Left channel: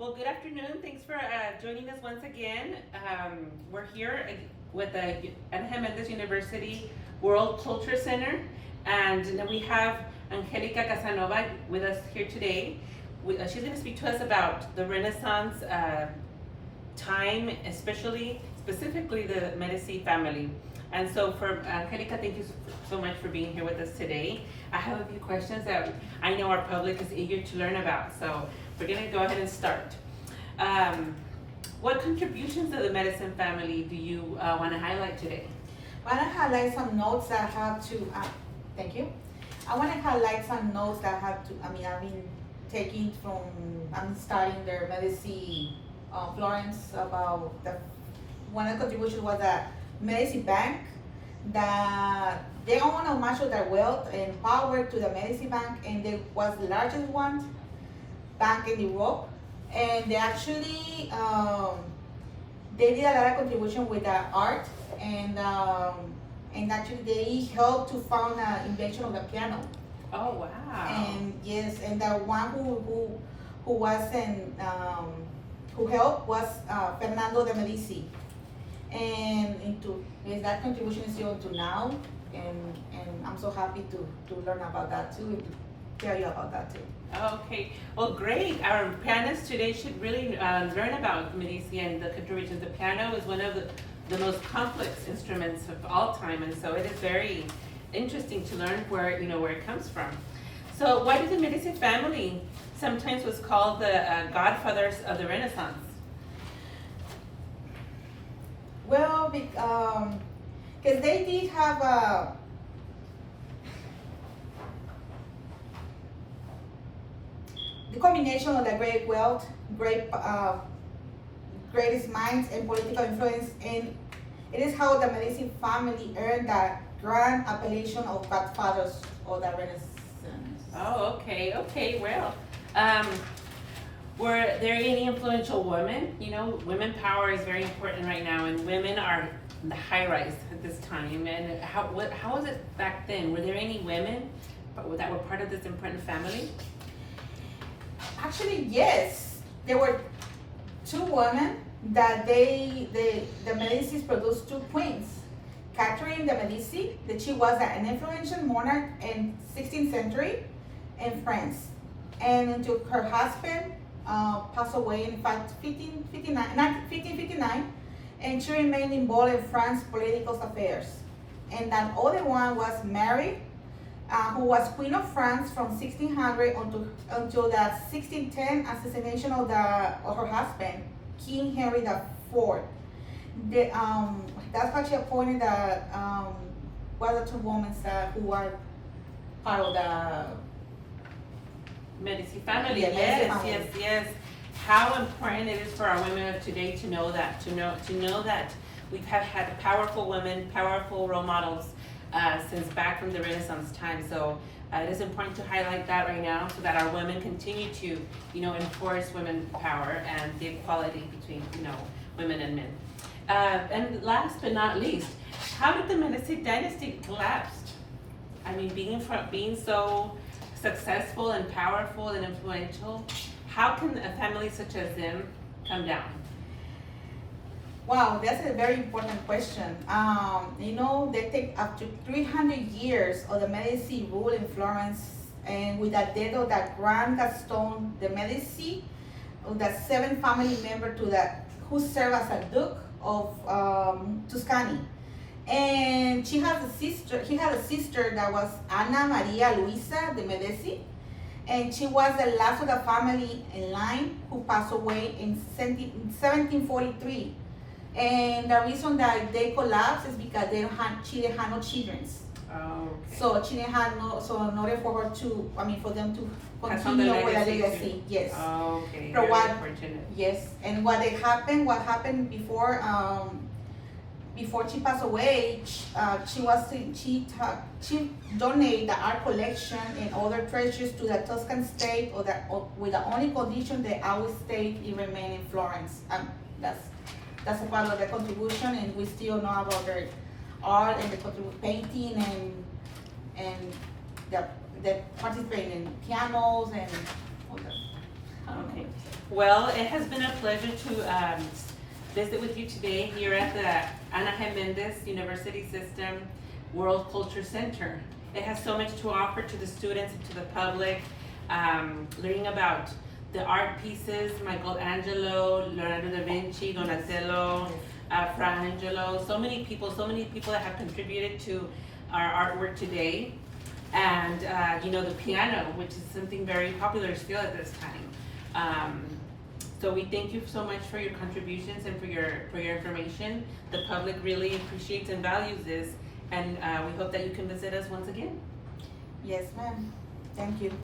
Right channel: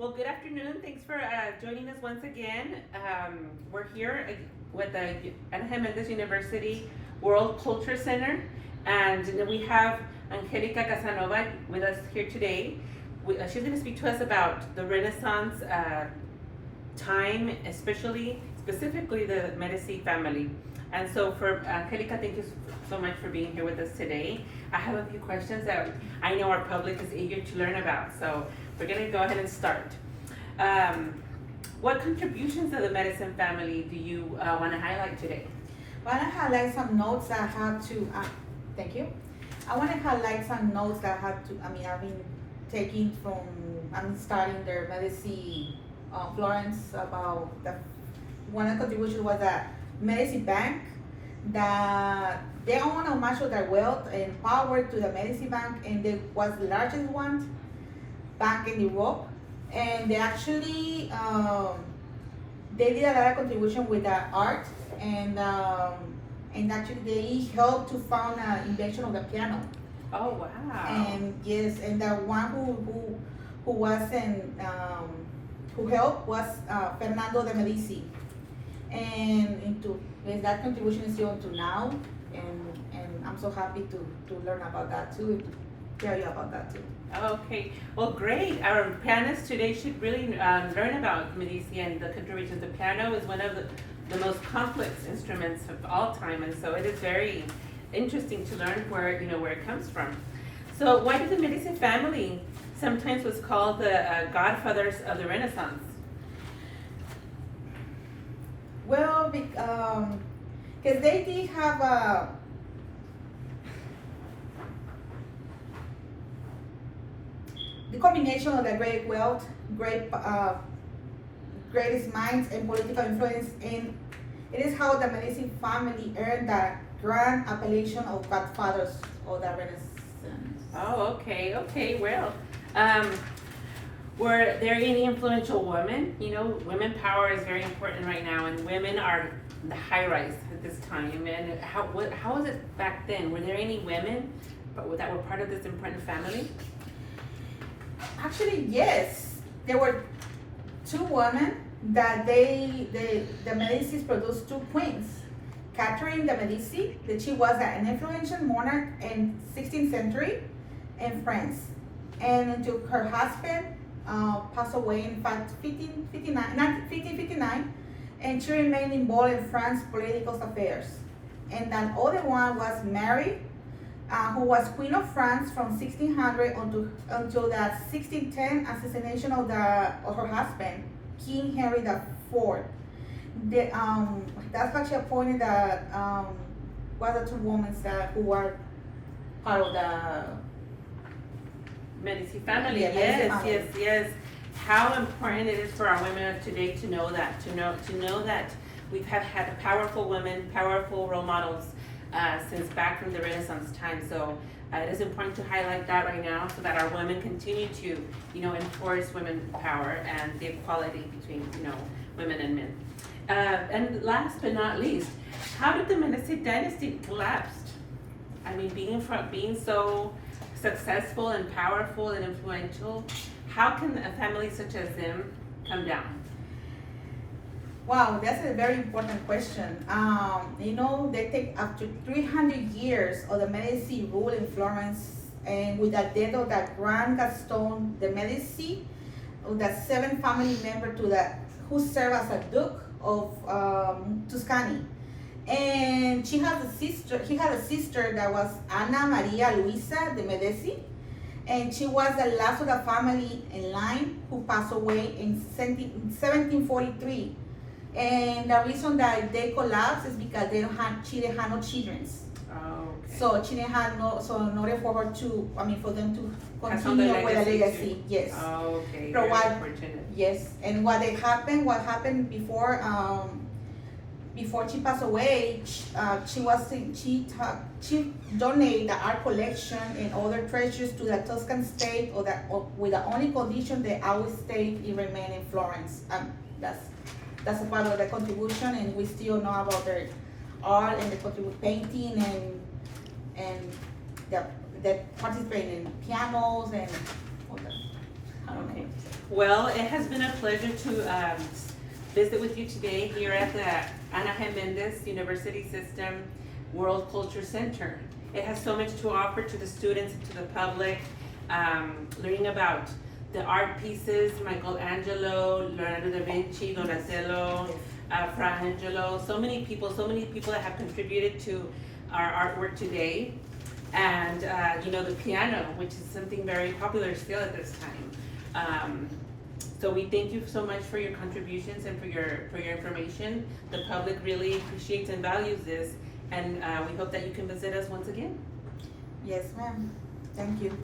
Well, good afternoon. Thanks for joining us once again. We're here with the Angelica University World Culture Center, and then we have Angelica Casanova with us here today. She's going to speak to us about the Renaissance time, specifically the Medici family. And so for Angelica, thank you so much for being here with us today. I have a few questions that I know our public is eager to learn about. So we're going to go ahead and start. What contributions of the Medici family do you want to highlight today? I want to highlight some notes that I have to, thank you. I want to highlight some notes that I have to, I've been taking from, I'm studying the Medici, Florence, about one of the contributions was that Medici Bank, that they own much of their wealth and power to the Medici Bank, and it was the largest one bank in Europe. And they actually they did a lot of contribution with the art, and actually they helped to found an invention of the piano. Oh wow! And yes, and the one who was who helped was Fernando de Medici, and that contribution is still until now, and I'm so happy to learn about that too, to tell you about that too. Okay, well great. Our pianists today should really learn about Medici and the contributions. The piano is one of the most complex instruments of all time, and so it is very interesting to learn where it comes from. So why did the Medici family sometimes was called the godfathers of the Renaissance? Well, because they did have the combination of the great wealth, greatest minds, and political influence, and it is how the Medici family earned that grand appellation of godfathers of the Renaissance. Oh, okay, well. Were there any influential women? Women power is very important right now, and women are the high rise at this time. And how was it back then? Were there any women that were part of this important family? Actually, yes. There were two women that the Medicis produced two queens. Catherine de Medici, that she was an influential monarch in 16th century in France. And until her husband passed away in 1559, and she remained involved in France's political affairs. And that other one was Mary, who was Queen of France from 1600 until the 1610 assassination of her husband, King Henry IV. That's why she appointed one of the two women who were part of the Medici family. Yes. How important it is for our women of today to know that we have had powerful women, powerful role models since back from the Renaissance time. So it is important to highlight that right now, so that our women continue to enforce women's power and the equality between women and men. And last but not least, how did the Medici dynasty collapse? I mean, being so successful and powerful and influential, how can a family such as them come down? Wow, that's a very important question. They take after 300 years of the Medici rule in Florence, and with the death of the Grand Gaston de Medici, the seventh family member who served as a Duke of Tuscany. And he had a sister that was Anna Maria Luisa de Medici, and she was the last of the family in line who passed away in 1743. And the reason that they collapsed is because she didn't have no children. Oh, okay. So she didn't have in order for them to continue with the legacy. Yes. Oh, okay. So very unfortunate. Yes, and what happened before she passed away, she donated the art collection and other treasures to the Tuscan state, with the only condition that our state remain in Florence. That's a part of the contribution, and we still know about their art and the painting and the participate in pianos and all that. Okay. Well, it has been a pleasure to visit with you today here at the Ana Jimenez University System World Culture Center. It has so much to offer to the students and to the public, learning about the art pieces, Michelangelo, Leonardo da Vinci, Donatello, Fra Angelo, so many people that have contributed to our artwork today. And the piano, which is something very popular still at this time. So we thank you so much for your contributions and for your information. The public really appreciates and values this, and we hope that you can visit us once again. Yes, ma'am. Thank you.